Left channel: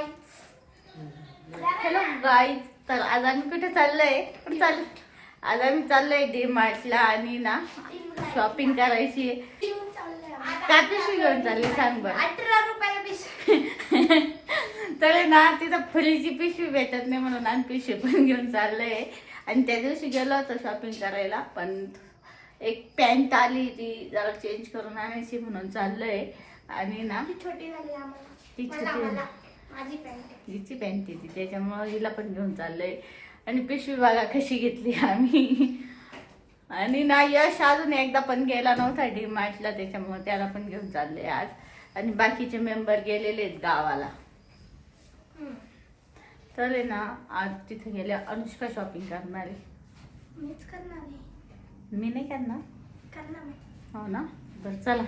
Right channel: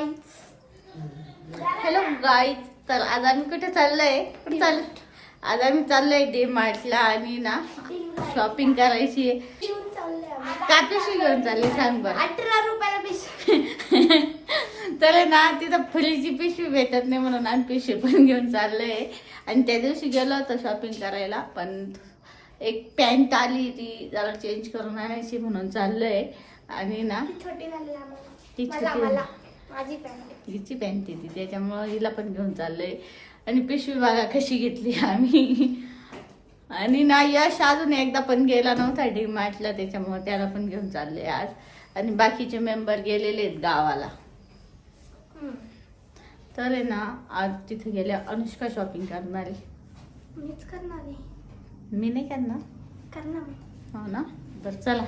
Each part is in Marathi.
गाईज हॅलो गाईज तर आज आम्ही कुठे चाललोय? कुठे चाल आज आम्ही चाललोय डी मार्टला आणि ना शॉपिंग करायची आहे. काय पिशवी घेऊन चालली सांग बरं. अठरा रुपयाला पिशवी. तर ना तिथं फुलीची पिशवी भेटत नाही म्हणून आम्ही पिशवी पण घेऊन चाललोय. आणि त्या दिवशी गेलो होतो शॉपिंग करायला पण एक पॅन्ट आली ती जरा चेंज करून आणायची म्हणून चाललोय. आणि ना ती छोटी झाली ती छोटी हिची पॅन्ट ती त्याच्यामुळं हिला पण घेऊन चाललोय. आणि पिशवी बघा कशी घेतली आम्ही. आणि ना यश अजून एकदा पण गेला नव्हता डी मार्टला त्याच्यामुळे त्याला पण घेऊन चालले आज. आणि बाकीचे मेंबर गेलेले आहेत गावाला. तर आहे ना आज तिथे गेल्या अनुष्का शॉपिंग करणार आहे. मीच करणार मी नाही करणार? करणार हो ना? बरं चला.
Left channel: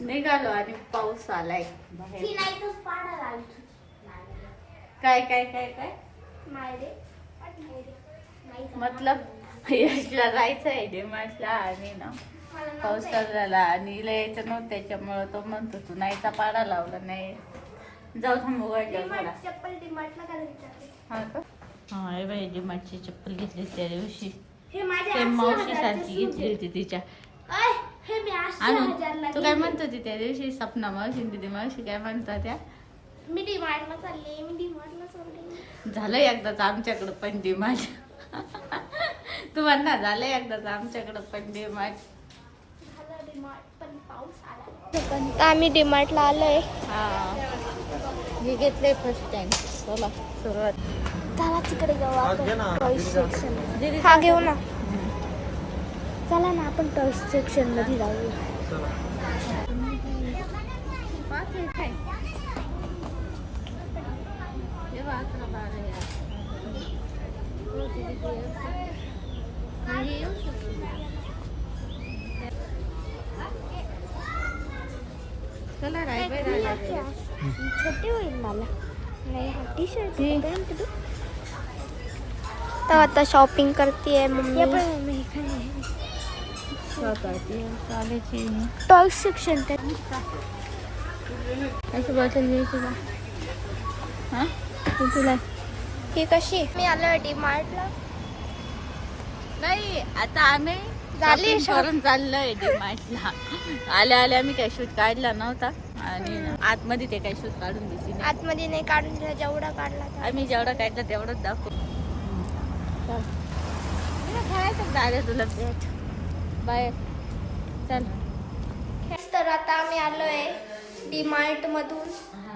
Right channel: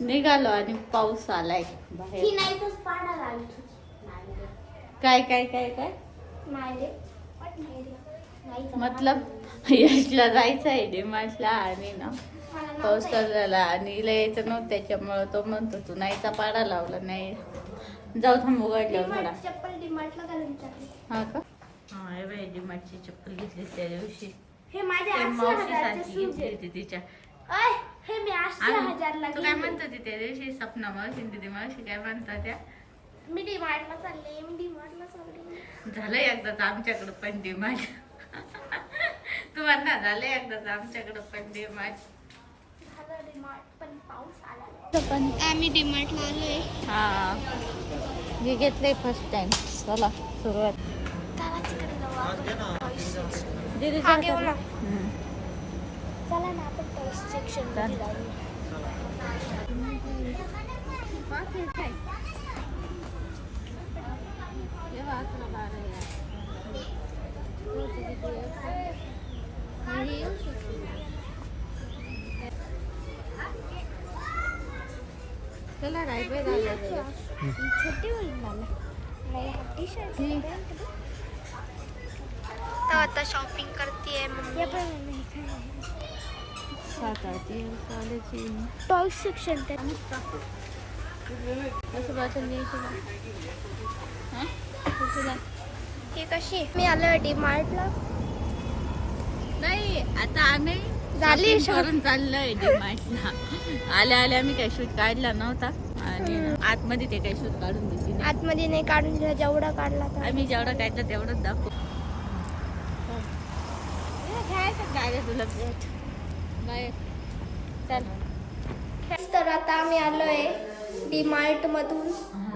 निघालो आणि पाऊस आलाय. बाहेर. काय काय काय काय. मतलब यशला जायचं आहे डिमार्टला आणि ना पाऊस झाला आणि यायचं नव्हतं त्याच्यामुळं तो म्हणतो तू नाहीचा पाडा लावला नाही. जाऊ थांब उघडल्यावर थोडा. हा का? हा हे बाई डिमार्टची चप्पल घेतली त्या दिवशी. हजारचे शूज घेतली. होती तिच्या. हे मी आणि तू काय. म्हणत होती त्या दिवशी? सपना मावशी आणि दिदी मावशी काय म्हणतात त्या मी डीमार्टला चालले मी डीमार्टला चालले. झालं एकदाच आमच्याकडं पण डिमार्ट तुम्हाला ना झालं एकदाच आमच्याकडं पण डिमार्ट झालं डीमार्ट पण पाऊस आला. आम्ही डीमार्टला आलोय. हा. मी घेतले फर्स्ट टाइम चला सुरुवात. चला तिकडे जाऊ आपण. हा घेऊ ना. चला ना आपण टॉयज सेक्शनमध्ये जाऊ पाच आहे काय हे बघ, अकरा बारा यार हो, दीदी, ते एक. हा, हे येऊ शकते. चला रायबाई दादा छोटे होईल मला टी शर्ट हे. तर आता शॉपिंग करते मम्मी टॉय सेक्शन असं बॉटल घ्यायची हा तुला ही कशी मी आलो डीमार्टला नाही आता आम्ही झाली करून चाललोय डिमार्टला आल्या आल्या आम्ही काही शूट काढला नव्हता. आणि आतमध्ये ते काही शूट काढून दिली. आतमध्ये नाही काढून दिला जेवढा काढला तर आम्ही जेवढं काढलं तेवढंच दाखवू. खेळायचं दादा तुला भेट बाय चल. तर आता आम्ही आलोय डीमार्ट मधून.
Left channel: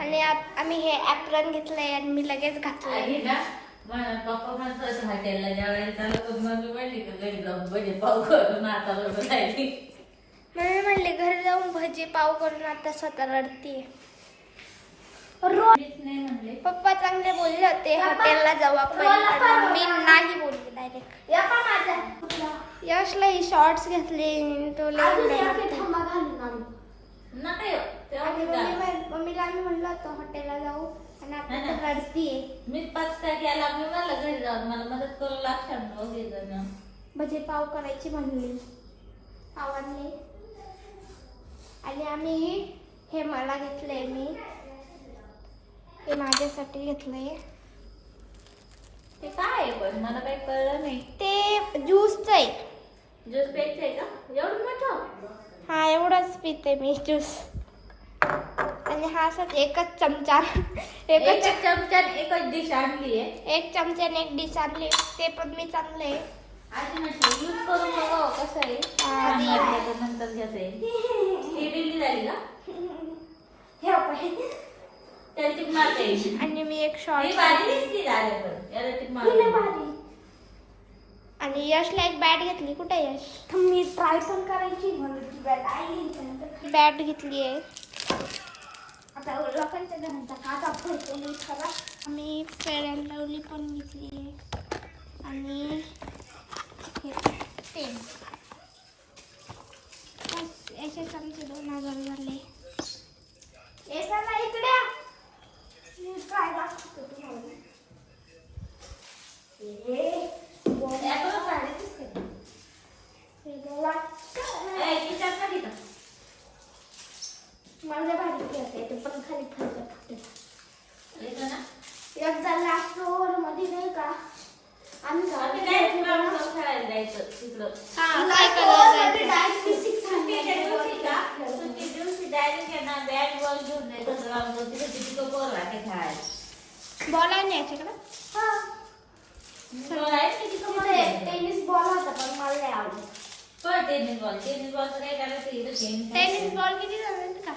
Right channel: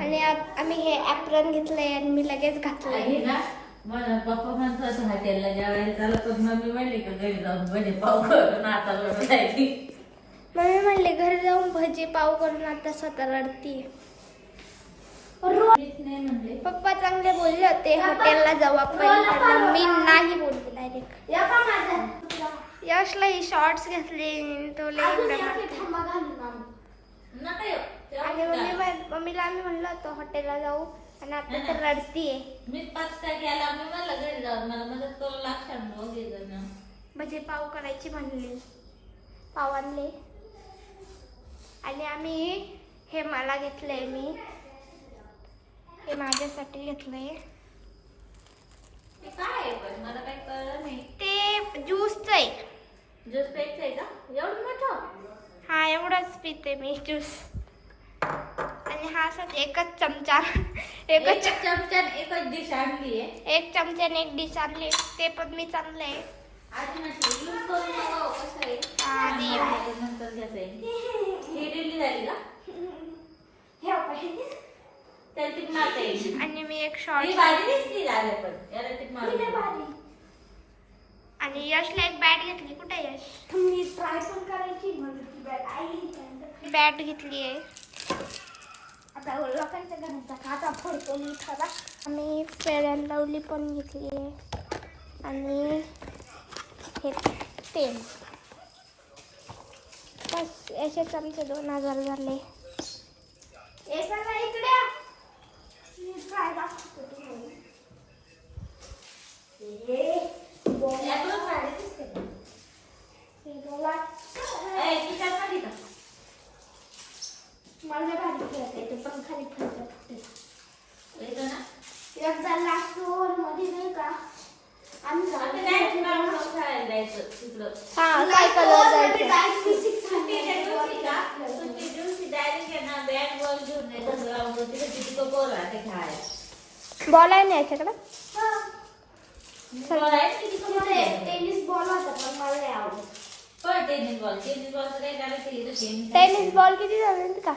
आणि आत- आम्ही हे ऍप्रन घेतलंय आणि मी लगेच आणि पप्पा म्हणतो असं जेवायला चालत होत मम्मी म्हणली का घरी जाऊन भजे पाव करून आता जायची मम्मी म्हणले घरी जाऊन भजी पाव करून आता स्वतः म्हणले. पप्पा चांगले बोलले होते हॉटेलला जाऊ आपण पण मम्मी नाही बोलली डायरेक्ट यशला ही शॉर्ट्स घेतले तो आणि मी मम्मी मम्मीला आम्ही म्हणलो होतो हॉटेलला जाऊ. आणि आता तर रडतीये. मीच पाच काय केला मी मला घरी जाऊन मला मदत करू लागतात दोघे जण भजे पाव करायची म्हणली. पाव आणले. आणि आम्ही हे मला घेतलंय मी. हे माझ्यासाठी घेतलंय. ते काय पण? मला काही कळलं नाही. ते ज्यूसचं आहे. ज्यूस प्यायचं आहे का? एवढं मोठं? हा एवढाच पिते मी ज्यूस. आणि हा असंच एकच चमचा. एकच एकच चमच्यात एकच डिश आणली आहे. एक चमच्याने एक डिश आणले ते पण मी चांगले. आधी म्हटलं यूज करून बघावं कसं आहे? हा, वाटलं तर नंतर घेता. येईल ही डिली झाली का? त्याला टीप मारता. आणि मी एक ही शॉर्ट भाजी दिसती झाले पण. याला टीप मारून आणि यशला एक बॅट घेतली. कुठे यश? मी ट्राय पण करायची बॅट घेतली आहे. आता लोकांच्या घराचा खाता फोडतो मी खरा आणि फेअर अँड लवली पण घेतली आहे. आणि हे पेन बस याच्याच आमचे दोन हजार झाले. एकाला इकडे मी ट्राय दाखवतो तुम्हाला हे त्यातून भाजी दिसते. हे बघा. ए, खिशात नाही का? मला भारी खेळता येते पण खाली खायचं फक्त जायचं तिकडं हा सायकलवर जायचं सुट्टीच्या दिवशी का सुट्टी दिवशी डायरेक्ट आहे ना बॅट बॉल घेऊन जायचं ग्राउंड तिथे किती पोरं राहते खेळायला बॉल आहे ना याच्याकडं? टेनिस बॉल होता पण मला नाही आवडत पण टेनिस बॉल टेनिस काय बॉल किती झाले का?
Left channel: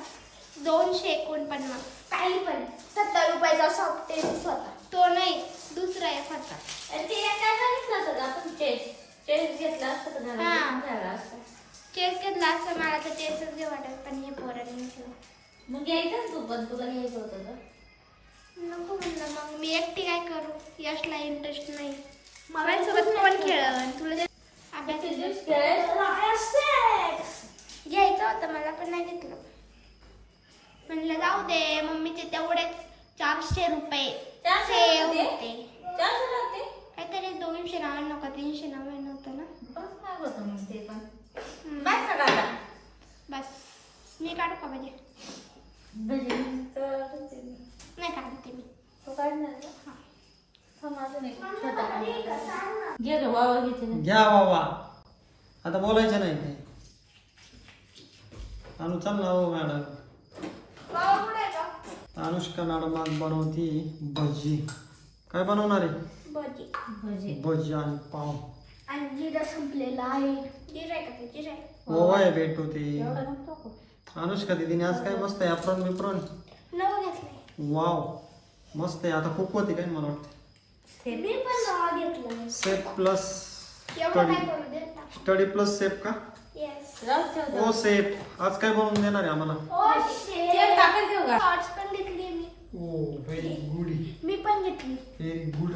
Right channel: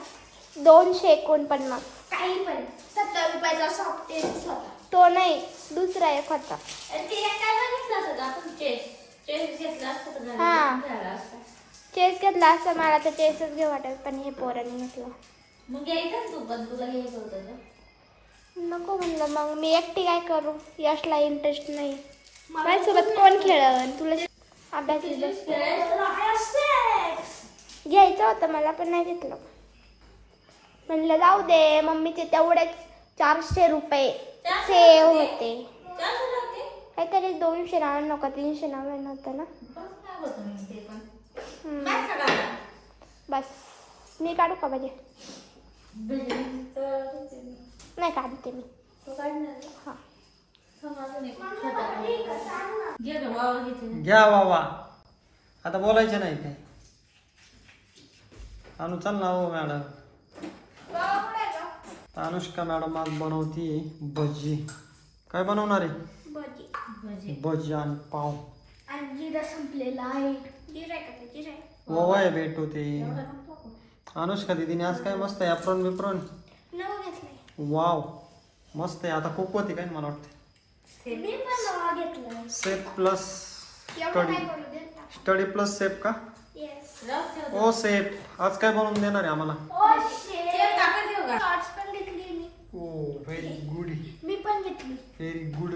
दोनशे एकोणपन्नास. काही पण. सत्तर रुपयाचा सॉफ्ट टेनिस होता. तो नाही दुसरा एक होता. काय आपण चेस चेस घेतला असता तर हा. झाला झाला असता. चेस घेतला असता मला तर चेसच घेऊ वाटत पण हे पोरांनी घेतलं. मग घ्यायचं ना तू पण तुला घ्यायचं होतं नको म्हणलं मग. मी एकटी काय करू? यशला इंटरेस्ट नाही. माझ्यासोबत कोण खेळन तुला जे- अभ्यास तुझ्याच खेळायचं घ्यायचं होतं मला पण नाही घेतलं. म्हणलं जाऊ दे मम्मीचे तेवढेच चारशे रुपये चारशे सेव होते? होते. चालतं लागते काहीतरी दोनशे नव्याण्णव का तीनशे नव्याण्णव होतं ना? बस काय होतं मग ते पण. हम्म. काय सांगा बस. मी काढू का म्हणजे नाही काढते मी. तो काढणार? हा. वावा. घ्या बाबा आता बोलायचं नाही काय आणू चल ना हो मॅडम. अनुष्का मॅडम आज बनवती भजी. काय बनवणार आहे? भजी. भजी. भजी आणि पाव. आणि जिरा संपलेला आहे. जिरा आहे का ते? जिरा आहे. ओवा आहे भेटू ते. अनुष्का दिदीने आज काय मस्त आहे अप्रोन बिप्रोन. नवं घेतलंय. वाव मस्त आहे आता खूप होती काय मला वाटतं मी पण नवं घेतलंय. सेफ प्लस एवढं स्टडी काय करू दे स्टडी प्लस सेफ का? येस दे, ओ सेफ आज काय बनवून देणार आहे आम्हाला? ओ तेल टाकत घेऊ का? शॉर्ट्स पण घेतली मी. ओ व्हेरी गुड मी पण घेतली. व्हेरी गुड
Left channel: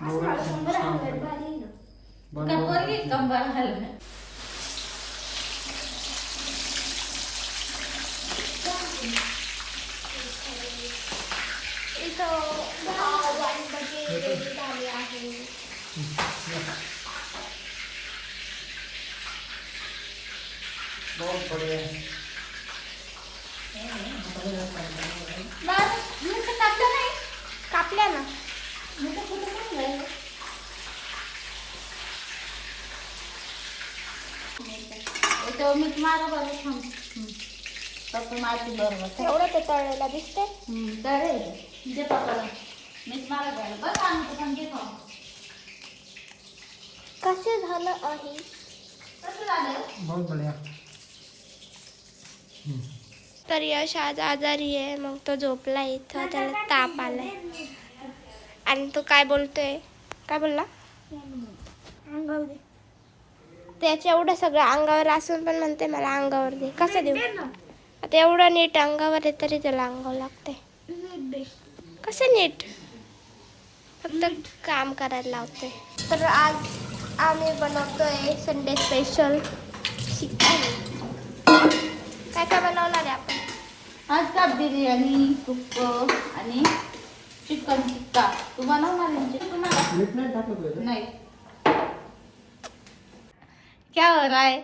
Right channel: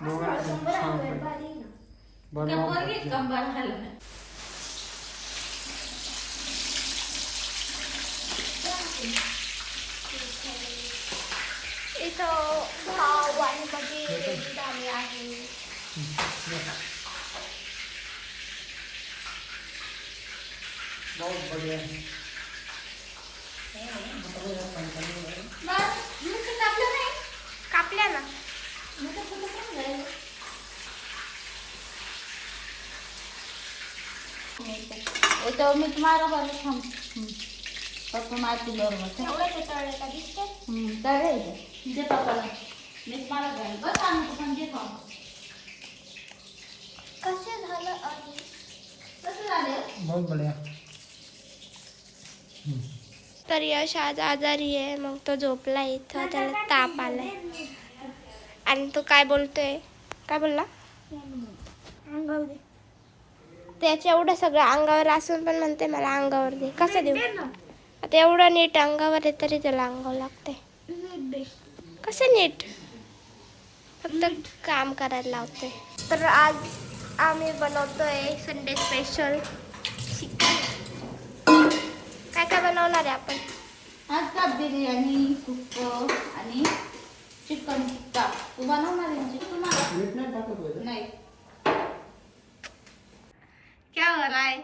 आज शंभर हंड्रेड भारी ना. काय पोरगी बनवा कंबार घालून. इथं भाव आणि भजी रेडी झाली आहे बस, नुसतं टाकलं नाही. कापल्या ना नुसतं कुठं पण जाईल. याच्यावर मीठ मारा बरं थांब. हम्म. फक्त माती बरोबर. एवढं ते तळलेला दिसते चालेल दे पप्पाला बस आम्ही पण घेतो. कसे झालं आणि? कसं झालं? बहुत बढिया. तर यश आज आजारी आहे मग तो झोपला इथं त्याला ताप आलाय. आणि तो काय बोलतोय? काय बोलला? त्याच्या एवढं सगळं अंगावर असून पण म्हणते मला अंगावर दे. कसं देऊ? आता एवढं नीट अंगावर आहे तरी त्याला अंगावर लागते कसं नीट? फक्त काम करायला लावते तर आज आम्ही बनवतोय संडे स्पेशल चिकन काय काय बनवणार आहे आपण? आज का बिर्याणी सुक्क आणि चिकन टिक्का. तू बनवणार आहे नाही क्या हो रहा है?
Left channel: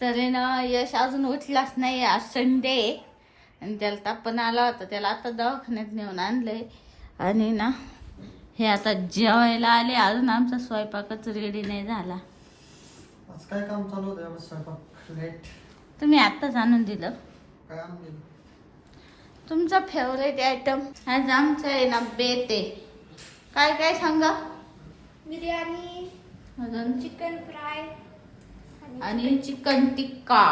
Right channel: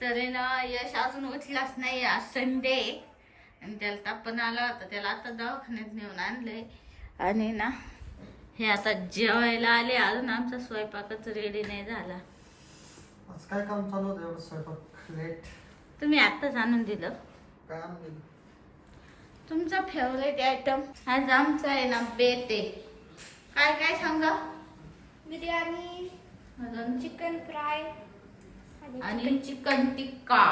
तर ना यश अजून उठलाच नाही आज संडे आणि त्याला तापण आला होता त्याला आता दवाखान्यात नेऊन आणलंय. आणि ना हे आता जेवायला आले. अजून आमचा स्वयंपाकच रेडी नाही झाला. आज काय काम चालू होतं? एवढं स्वयंपाक लेट तुम्ही आत्ताच आणून दिलं. काय आणून दिलं? तुमचा फेवरेट आयटम आज आमचा आहे ना बेत. काय काय सांगा? बिर्याणी अजून? चिकन फ्राय आणि चिकन टिक्का.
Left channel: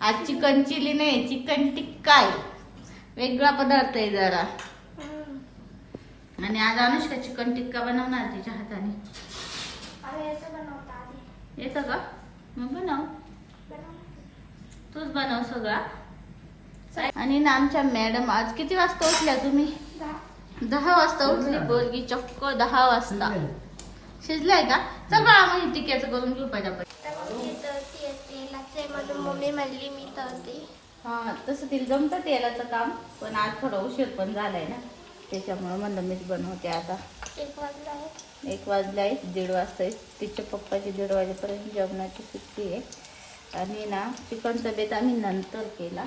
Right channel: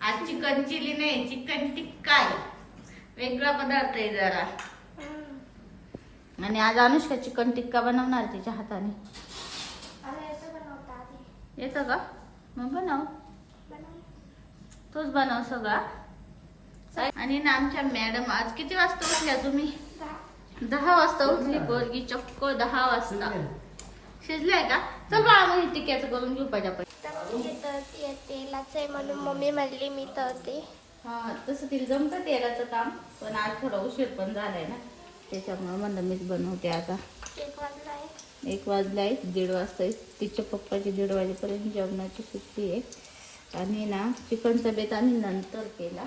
आज चिकन चिली नाही चिकन टिक्का आहे वेगळा पदार्थ आहे जरा. आणि आज अनुष्का चिकन टिक्का बनवणार तिच्या हाताने. येतं का? मग बनव. तूच बनव सगळा. आणि ना आमच्या मॅडम आज किती वाजता उठल्या तुम्ही? दहा. वाजता उठली पोरगी चक्क दहा वाजता. शिजलाय का? सगळं आम्ही टिक्क्याचं करून घेऊ पाहिजे आपण म्हणून मम्मी म्हणली मी तळते हा तसं तिला जमतं तेलाचं काम पण आज थोडा उशीर पण झालाय ना. त्याच्यामुळे म्हणलं मीच बनवते आता. एक वाजला आहे. एक वाजलाय दीड वाजता तिच्या पप्पाची दीड वाजेपर्यंत जेवणाची सुट्टी आहे. आणि ना चिकनचा बेत आम्ही नंतर केला.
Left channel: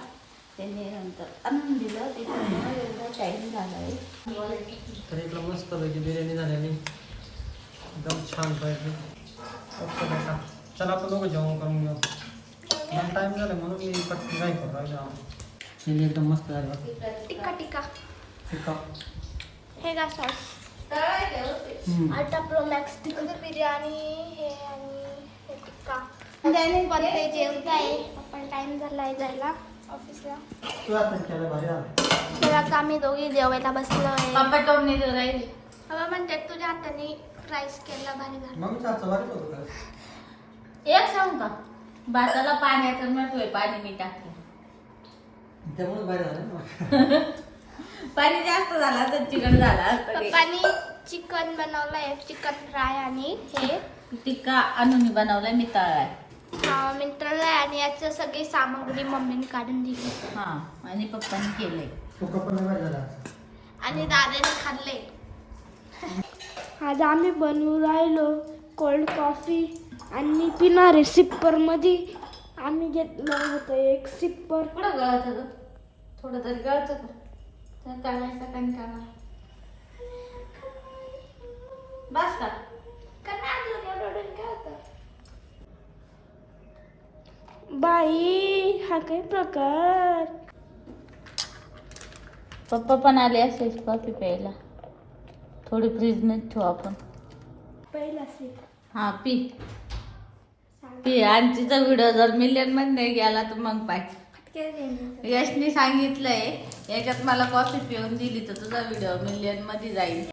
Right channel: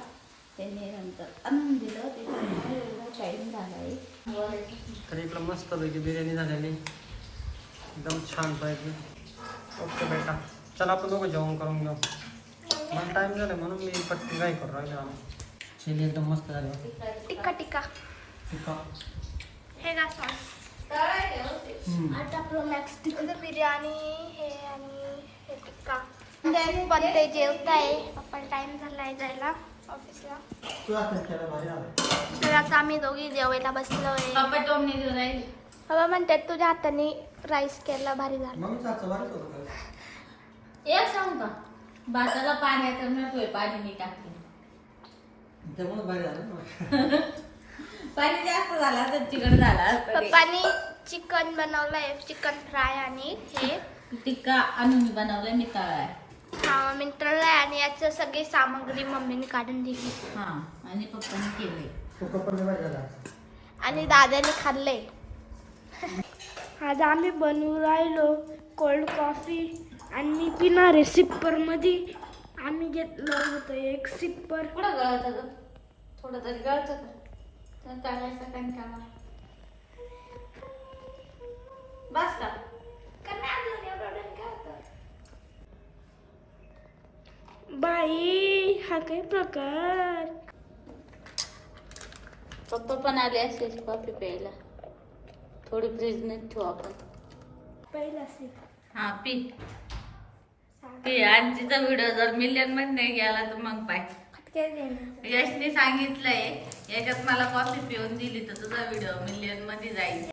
त्यांनी नंतर आणून दिलं. त्याच्यामुळे एवढा टाईम झाला आहे तर इकडं मस्त पैकी बिर्याणी झालेली. एकदम छान पाहिजे ओके बेटा. चला आपण दोघं जेवण करून घेऊ. मला टाइम झाला म्हणून मी पटकी काय करू राहिलो. चिली एकदम मस्त झाली. टिक्का आहे. हे का सॉस हम्म. आटा प्रो मॅक्स तिकडे बिर्याणी हे आणि हे टिक्का. पण ते जेवताय. आपण टाइम झालाय जायला ऑफिसला तू आता केलं भारी झालं. तर आता आम्ही दोघी जेवायला बसलोय. पप्पा टोम नाही देऊ राहील बाबा म्हणतात तुझ्या हाताने राईस केला भारी झाला. एक सांगू का? भाताला पाण्याचं नकोय पाणी मी टाकलं त्यामुळे भारी झालं ना पाणी जास्त झाला तर चिकन झाला असतं ते. पप्पानी चिकन बनवलंय चिकन फ्राय आणि हे. टिक्का अनुनी बनवलाय मी तळाय हा मी तळलंय आणि याचं सगळी सामग्री मम्मीने काढून दिली. हा आणि पप्पाने केलंय. आणि दादाने खाल्लंय. आज आम्ही बनवून राहिलो कोल्ड कॉफी आणि पिणार सिप्परमध्ये आम्ही घेतलं होतं एक सिप्पर कुठं गळत थोडं तरी गळत तळायचा कंटाळा बस का बाई हा काय प्रकार पप्पा पण आले असेल कॉफी प्यायला थोडी फ्रीजमध्ये ठेवू आपण पहिला हा पी पी आणि तिचा व्हिडिओ जर मिलियनमध्ये नाही गेला तर मग पाय यशने सांगितलंय याच्यात मला कॉफी पिऊन दिली तर तुझा व्हिडिओ मिलियनमध्ये जाईल.